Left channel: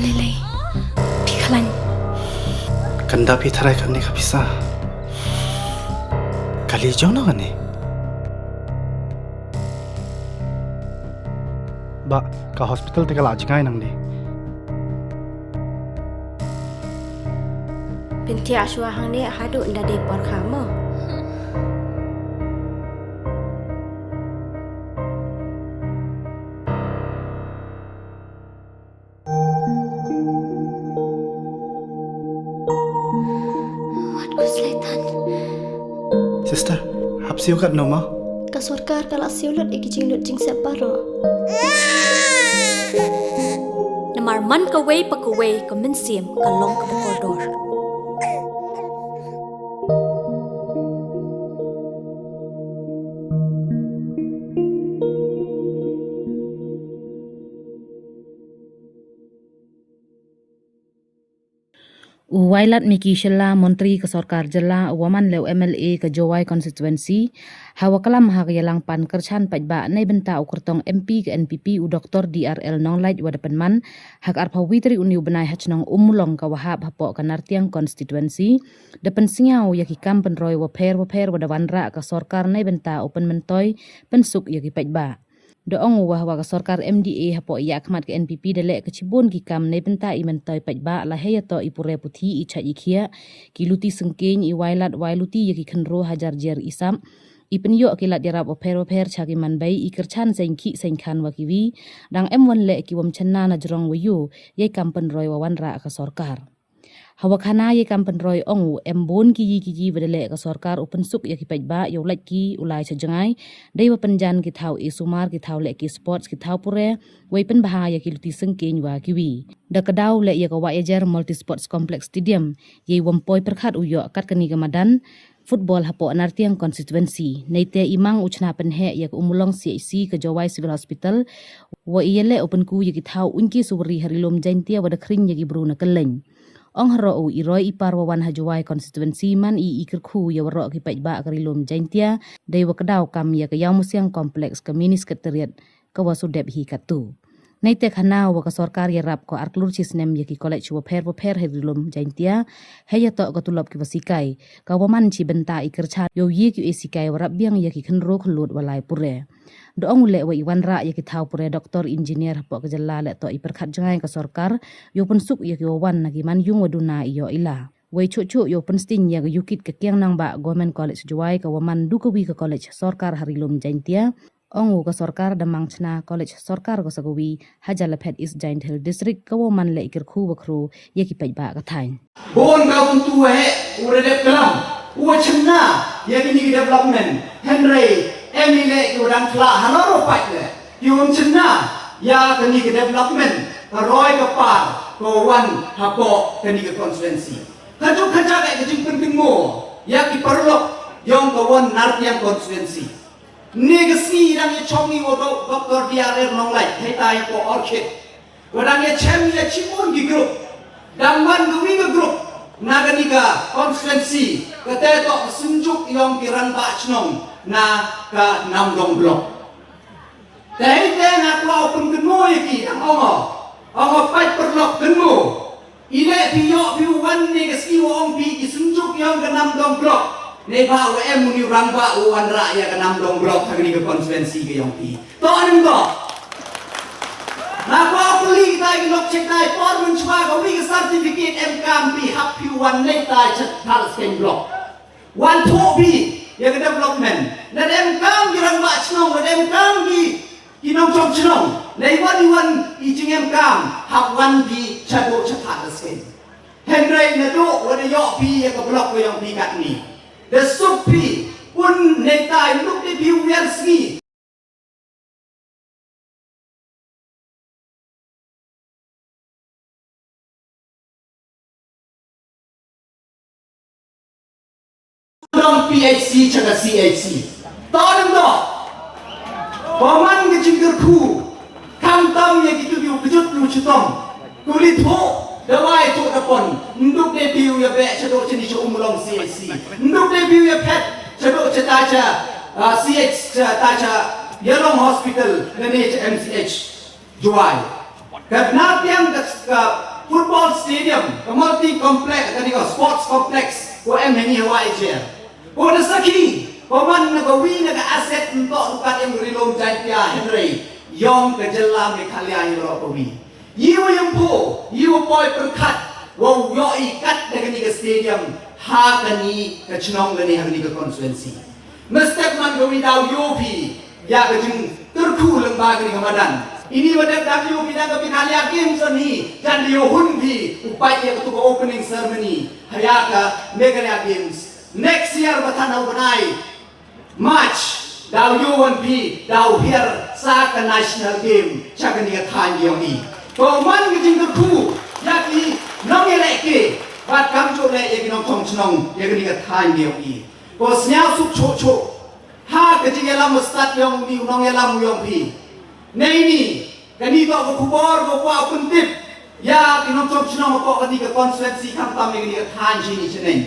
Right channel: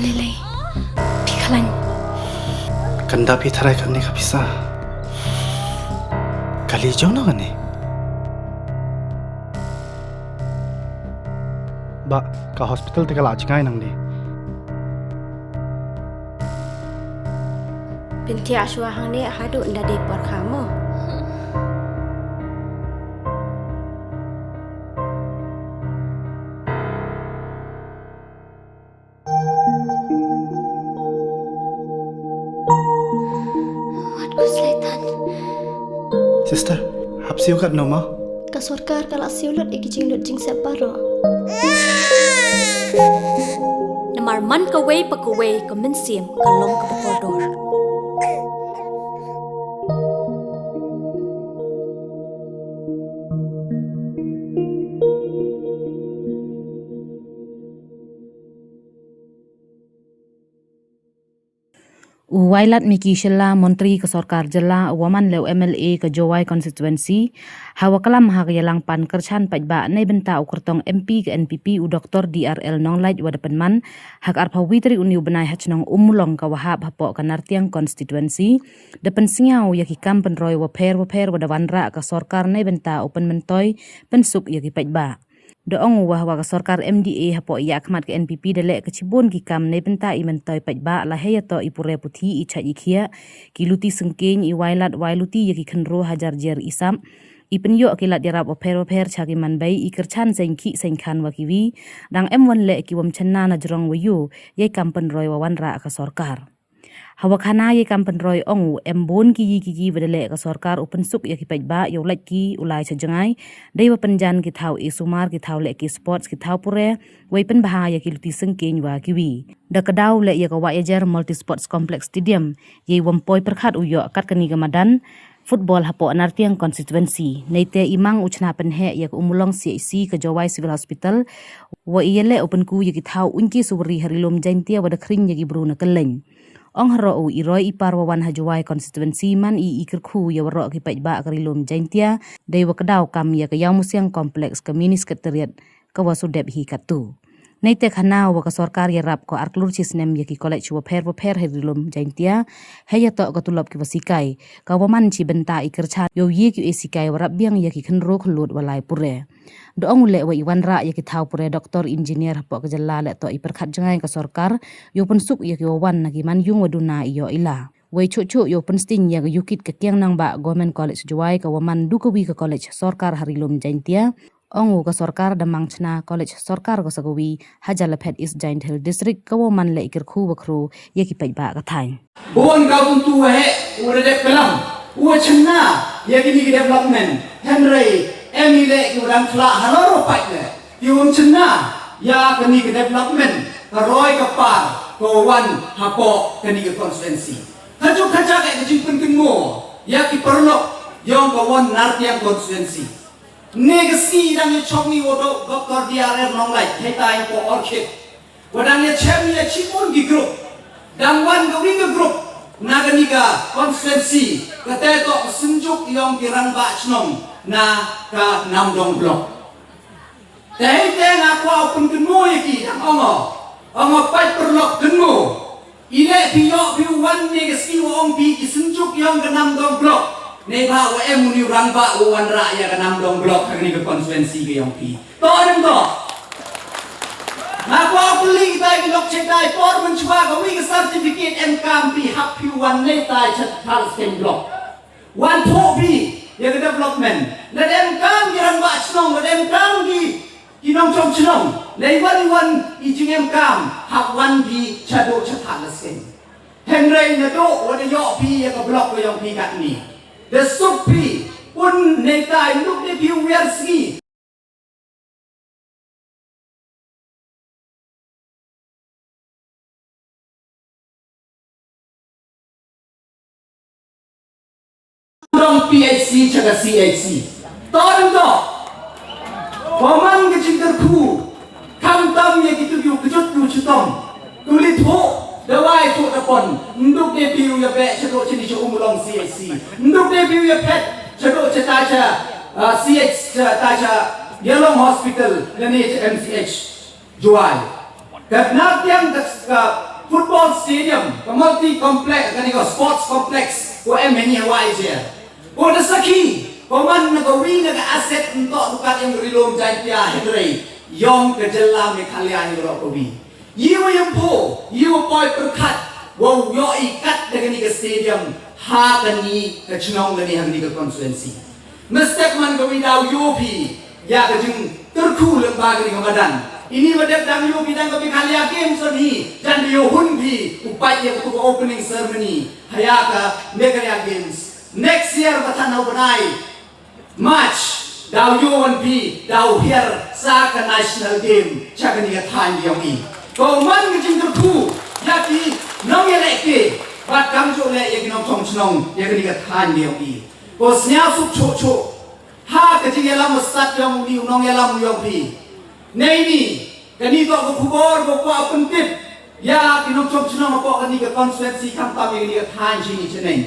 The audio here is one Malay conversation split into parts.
Lele, Pikalan. Kanda pitharai karne ka pisa. Kali jauh na kane. Ba, ka hospital te kala ajngai nang ni. Binti aswa hang ni hadu nda de por kamu. Sister, hapsiu kat noma. Ka sarkar kala siulut ikijing lut jing separo. Namar man ka way pa ka way ka minsim ka long ka bakordor. Wailat Miki Shella Menteri ke Sarkar Jela Waman Lew MLA ke Jowai Constituency hawa kalam ha yalang pan kerchan pajba nei benta ukurtong MP ke NPP u Dr. DRL Nonglait wadapenman hak arpa witri uniu benai hachnong umulong ka wahab hapo ka nartiang constituency depen singaw yaki kampen roy waper wadawanra ka Sarkar nei benta open mentoy pensuk yaki pajba. Doong wahwa ka Sarkar MDA hapo iya akmat ke NPP delek ke Cibun ki kam nei benta i mentoy pajba la heyato ipure puthi i cha ikhia ki luti sengkeng i wailat wailuti yaki khenro hajar jer isam i penyo kilat yarap oper chagi manbai i kerchan sengki sengkhan wakiwi dang M1 le ki wam chenna na jrong wayu ye kampen roy wawanra ka Sarkar. Hawakhana ye kampen roy ongu embon ki wedele ka Sarkar open suk ya ki pajba yo lek ki ulai sajangai deiwa penjan ki thau isumar ki thau le ki sports ki thau pure weipen bahaya ki luti sengkeng wa kiwi da kadau le ya ka wa ejer multi sports complex stadium ye wampoi perkhat uyo kat kani gamadan football hapo anartiang constituency neite imang uchna penhe ya umulong CIC ke Jowai Civil Hospital wa iyele open ku ya ki thau unki subri harilom jaintia wada khring ya ki bruna keleng. Ong haro u iroi ipar wawan hajawai constituency man i ikirku ya waro ki pajba karilum jaintia dewa kedau kam ya ke yang musyang kompleks ke mini sekretariat ke wasudep hi katu. Neite khana wa ka Sarkar ya rap ko arklur cisnem ya ki college wa pher herilum jaintia heya to ka tulop ki wasikai ka waman ci benta ikircha yo ye ki esikai warap biang ya ki khenro khlut walai pure. Doong le wa iwan ra ya ki thau pure doktor engineer hapo ka jalla le to iperkhat jangai ka Sarkar yo pensuk ya ki wan nagi man yung waduna iyo ila wei chuchu yo pensting ya yukit ke kiang nang ba government college Jowai ka waman dukawi ka college Sarkar harilum jaintia ongu ka Sarkar damang chna college Sarkar ka sagawi hajalapet East Giant Hill district ka waman le ikirku wakru ya ki pajba ka thain bon ga buntu he urede pelam u chna ya ki ni development henry emile urang khla hanoro paile yun chna ya kani ke development roy ka par ko wan hapo kani ke constituency haju khaja ke jing penting mo ya ki perlo yong ko wan nartiang constituency negasi dang ye chongi wodo Dr. DRL Nonglait hetai ko orchid wadang ye chem ye chipun gi group dang wan go wi group naganiga constituency keteto sunjuk yong kirang ba chnong na ka namdong blok dai te na ko pun kenu iki ongo pai perlok kenu ile bio wan negasi wong bi sunjuk yong ka namdong blok ne ba wa em ni rang ba wan ra ya ka namdong blok kani ke constituency ke yong pi to adem to na ko puli dai blok check dai por mun chwa ko wi certificate em kam pi hap pi wan ne tai chat hal sken blok wan tho bi ya ke development na dem kam girang ba chnong na dem kam gi kinong chong chnong nei wan i jing em kam hap wan bi chado chat sken henry na do wan yo pi ya ka blok ko yong pi kat ni the supi pun nei tai look the view wer ski PHC chaga CHC todem do waman ge jingger khu kam tam ye gitu yu kejut lu chutom kulit ho dawai to tapon nduk de piu ya be chago chini chu umlong CHC nduk de piu ya pet chago chata cha CH ta cha Yellow Hospital ngani MCH Jowai karena tiang football stadium, multi complex, kani ko sports complex ko ni Hawaii je. Ko na saki, ko man na ko wi na asset untuk lukat yang rilom jaitia Henry, yong kejelam ni kalian yang ko wi. Yiwa yang po, yiwa boy perkat, wow yo ikat dengan ni ke stadium, ha kani ke cenong kani hari ke konstituensi. Mesti man ko wi dau yopi, ya ke jeng terku lembaga ni kemadan. Ini wadap dam yo bidang kami kalian game soni dan dia hunbi upaya untuk opening ceremony hayaka Meghalaya Games next year batana benai March dau yo wan bi dau here sa ka national game chagani ka thai yo bi ko man ke jing tu ya ki nong ye leke bat kam jo le ye nong thong chnong ye ni ka thai yo bi ko snya su cho cho ha ke jing lam start yo bi nong ye lam yo bi nei ni kani to ko kubor ko pa pentip ya kinong chnong ko kani ka konstituensi kam ta me ni ka thai chi ni cheneng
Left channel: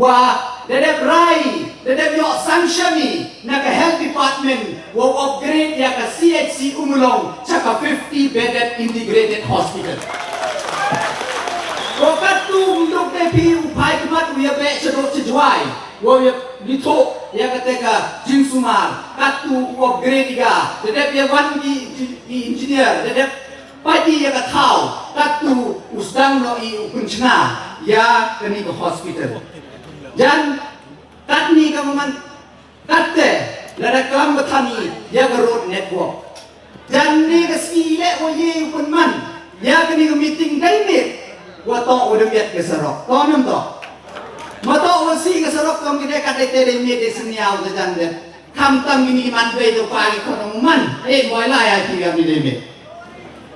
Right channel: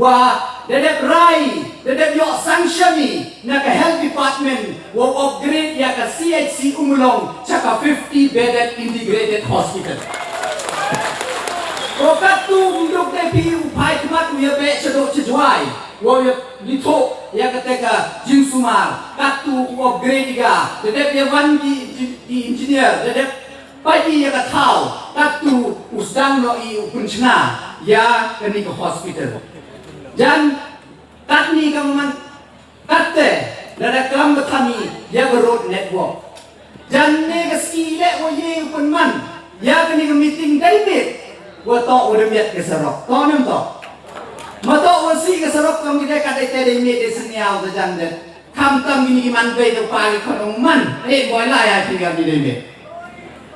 wa dedek rai dedek yo sanction ni na ka health department wo upgrade ya ka CHC Umulong chaka 50 bedded integrated hospital ko katu ndok de pi upai kmat ya be chadok chjwai wo ya dito ya kateka jinsumar katu upgrade ga dedek ya wan di engineer dedek pagi ya katau katu usdang no I upunchna ya kani ka hospital dan katni kamungan katte lada kelam betani ya ke road network dan ni ke skile wo ye penman ya kini ke meeting David wa to udah biat ke serok to nem to ma to wasi ke serok kam kita kadai tede me de seniau de jande kam tam ini man be to pagi korong man boy la ya tiga mi de me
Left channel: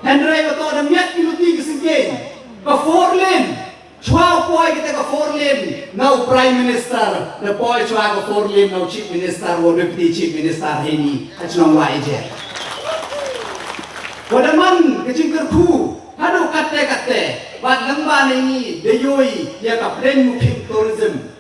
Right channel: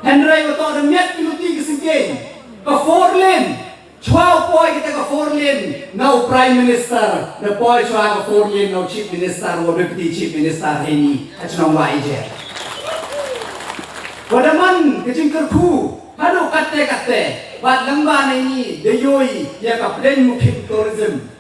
Henry wa to udah biat ki ke singeng ke 4 lane 12 boy kita ke 4 lane now prime minister the boy chua ke 4 lane now chief minister wo deputy chief minister ini achnong wa eje wadaman kecing kerku hadu kate bat lamba ini deyoi ya ka plan mukim tourism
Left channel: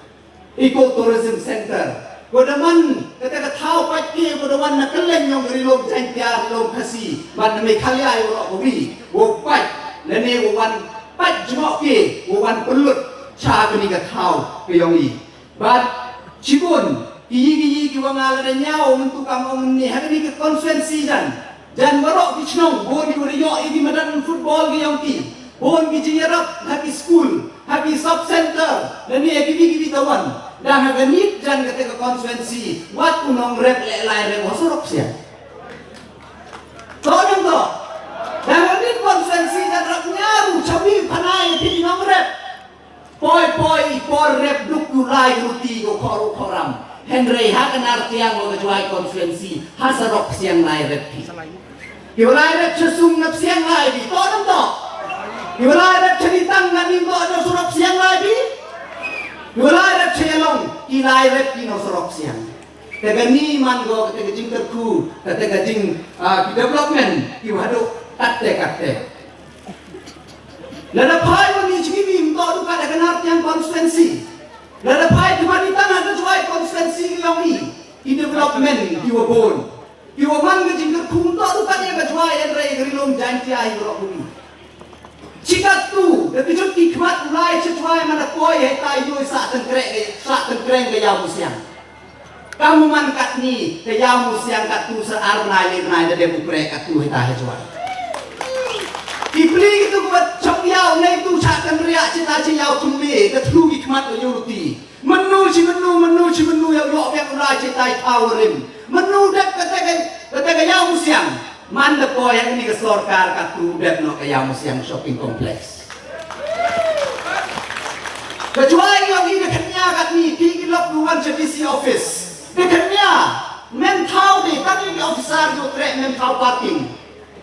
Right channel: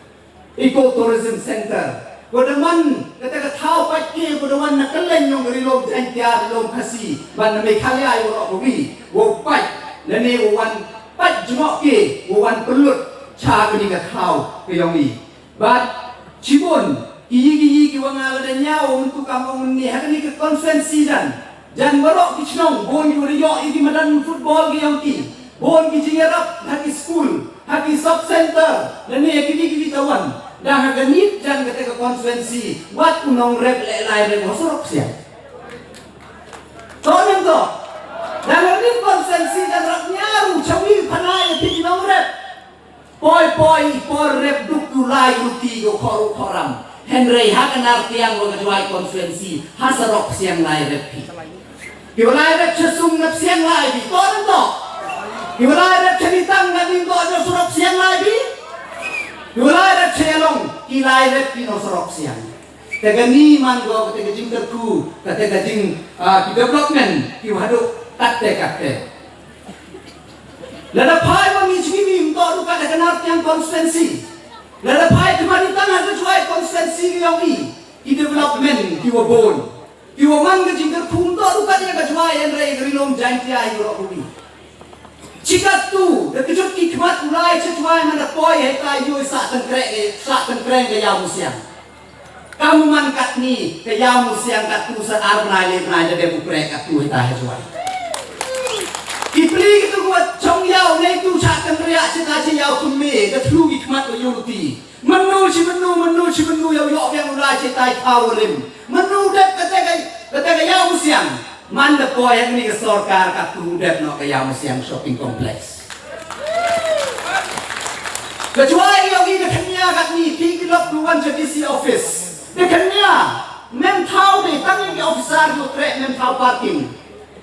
eco tourism center wadaman kata ka thau patki wadaman na kaleng nong rilom jantia rilom khasi ban me khalia yo ko bi wo pat lene wo wan pat jmo ke wo wan pelut cha ko ni ka thau ke yong ni bat cibun ki wangal da nyao untuk kamong ni hari ni ke konferensi dan barok di chnong bon di yo di madan football ki yong ki bon ki jingarap haki school haki sub center dan ni ki tawan dan haga nit dan kata ke konferensi wat unong rep le lai re mosorok sia tolong to dan ni konferensi dan rap nyaru chawi panai ti nong rep poi rep duk lai uti go koram Henry hakan artiang mo kejuai konferensi hasarok siang lai rep Kiwalay rep sesung nap siang lai bi tolong to Kiwalay rep ceritang nabi to no surok siang lai bi Kiwalay rep celong kilai rep kino surok siang tega ni man go tega jing terku tega jing ki development ki hadu katte lada pai mo mi chimi to du ka daga nartian konstituensi lada pai kemari tanah ke juai konstituensi yang i development ki wabon Kiwa man ke jingker punto tu tadi ke juai yang rai gerilom jantia iro bumi. Cikat tu, detik ki khmat ulai cejuai mana koi hai tai yoi sak tengkreng ke yau musiang. Kamu man kat ni ke yau musiang kat tu sa ar nai de bukrek kat tu hai tai juai. Kipli itu buat chong yau nei tu sak tengriak cita yau tu me ke tlu ki khmat ke yuti. Menu yau yo yang ulai cita powerim. Menu dep kata yau musiang mandep ko yang ni ke sorkar katu dep no ke yau musiang shopping complex kecuali yang ini kenya kat ni kilok duan JDC office kenya men thau ni kan ni officer tu trek men thau parking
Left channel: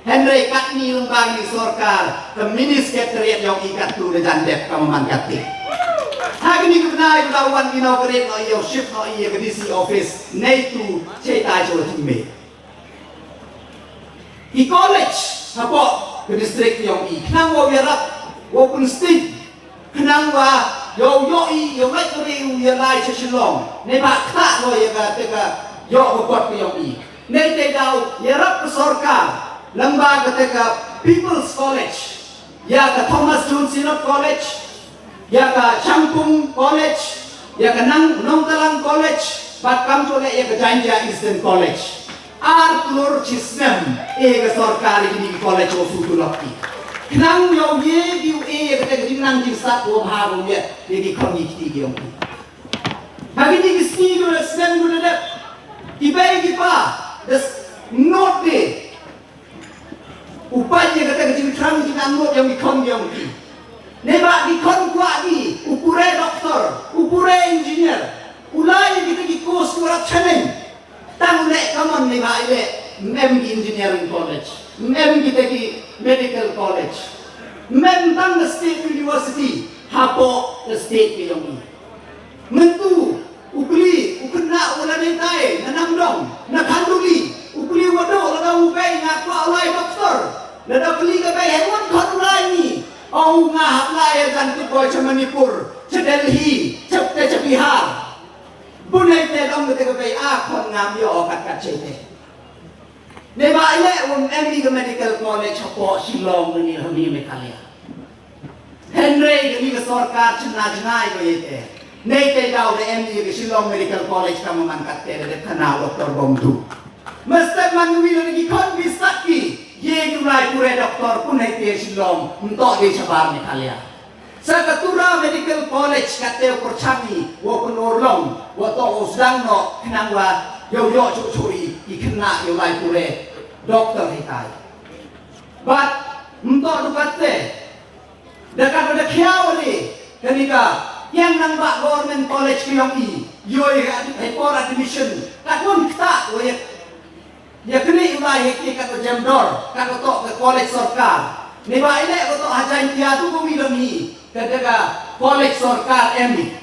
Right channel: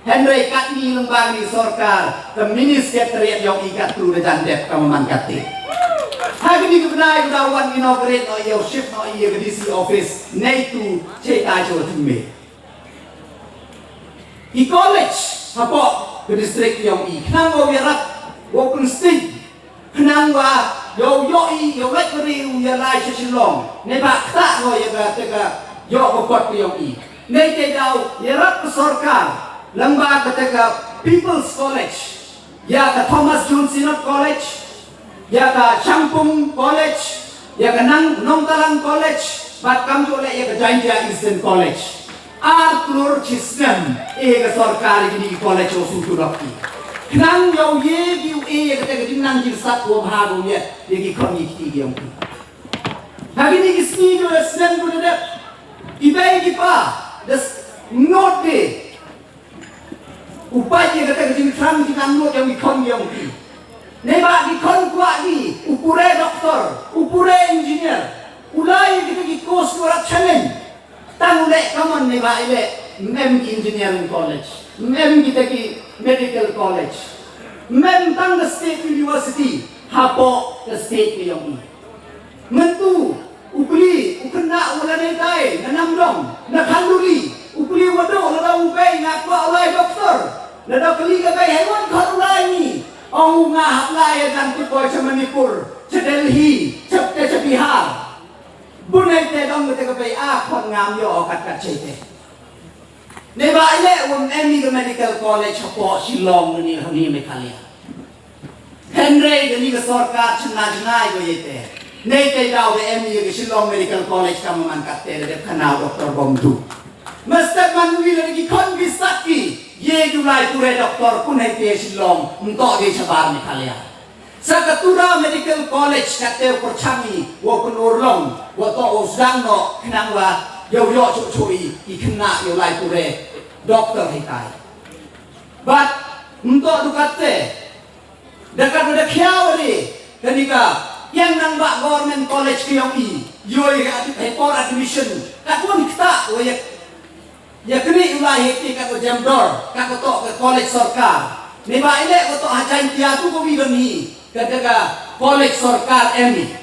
Henry kat ni lembaga ni sorkar ke mini secretariat yang ikat tu dan dep kaman kati hari ni kenai lawan inaugurate no yo shift no ye ke DC office nei tu cetai jo tume I college hapo ke district yang I kenang wa yarap open state kenang wa yo I yo mai keri ya lai chilong nei ba kha no ya ga te ga yo bot yang I nei te dau yarap sorkar lembaga te ga people's college ya ke Thomas Jones Sinod College, ya ke Champung College, ya ke Nongtalang College, bahkan juga ya ke Jaintia Eastern College. Arthur Chisnam, ke sorkari di college Osutu Lokti. Kenang yo ye giu ke ke jinang jing sat wo ha wo ye ki kon yi ki yong. Hari ni isni yo lesnen guna dep. Ibai ki pa des not de. Upaya ke ke jing tram jinang not yang kon yong ki. Neba di kon kwa di upure doktor, upure engineer. Ulai kita ki course kurat challenge. Tang le kaman neba ile mem engineering college. Mem kita ki medical college. Mem tang the state university. Hapo the state pilong. Mentu ukli ukena wala nei tai nanam dong na kanduli ukli wado la ubei na kwa lai doktor na da kli ka bai hewan khat lai ni au nga hap lai dan ti boy Manipur che Delhi che Bihar bunai te dong te ka bai a khon ngam yo kat chete nei ba ile won emi medical college hapo Shillong ni Meghalaya Henry ni ka sarkar chna jnai go yete nei te dau de emi ke Shillong Medical College ka mangkat te de kana Dr. Bomdu Mr. Manwi lagi kon bisaki ye gulai pure doktor punai te Shillong untuk di Sabar Meghalaya Sakatura Medical College kate perchami wo penorlong wo to osdang no kenang wa yo chui ikena yo lai pure doktor hitai but untuk dukate dekat ada khiawali kenika yang nang bak government college ke yang i yoi hyper admission tak pun kita ya kini ulai hekti kat Jamdor kat to college sarkar ni ba ile ko to hajan tia tu ko mi demi ketika college sarkar emi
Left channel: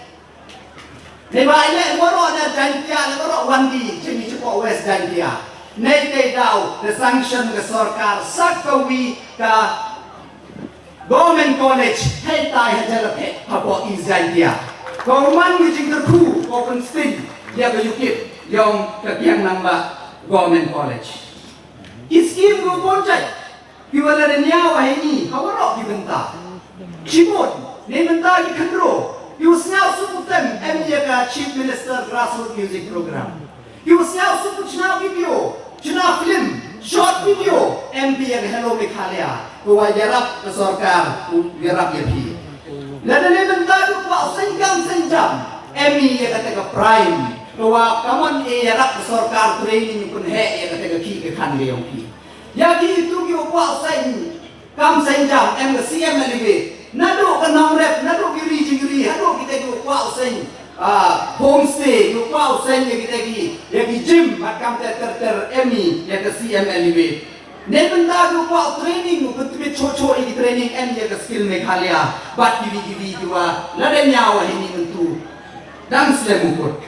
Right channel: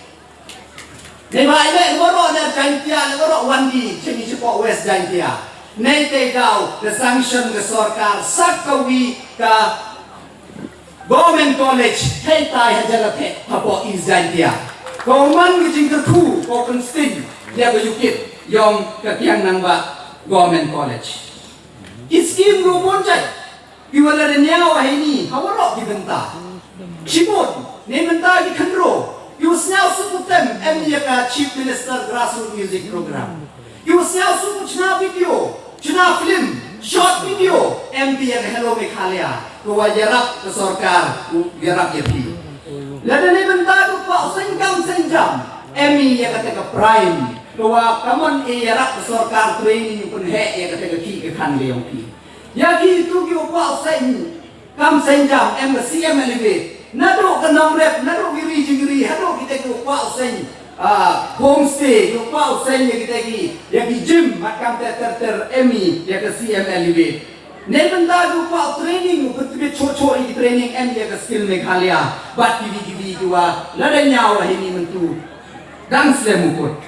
ni ba ile ngoro na jan tia ngoro wandi chini sipo west jan tia nei te dau the sanction the sarkar sakawi ka government college hey tai hajalate hapo izandia kauman ngijing terku open sting dia bejukit yang kekiang namba government college iskim rupon cai kiwala nyawa ini hawaro dibenta simon ne benta ki khandro yusnau suputem emya ka chief minister grassroots music program yusnau supuchna video chna film short video MP yang hello Meghalaya kuwa jarap ke sarkar jarap yapi lada ne benta du pa senjam emi ya kata ke prime kuwa kaman e jarap ke sarkar training pun he ya kata ke ki ke khan leong ki ya ki tu ki pa kam senjam em ke CM elevate nado ke naurep nado giri jingiri hello kita ku pa homestay yo pa ya kita ki gym makam ter emi ya ke CM elevate ne benda du pa training mu ketbe chocho i training en ya ke skill Meghalaya bat giri jua lada nyawa ini mentu dan slemukut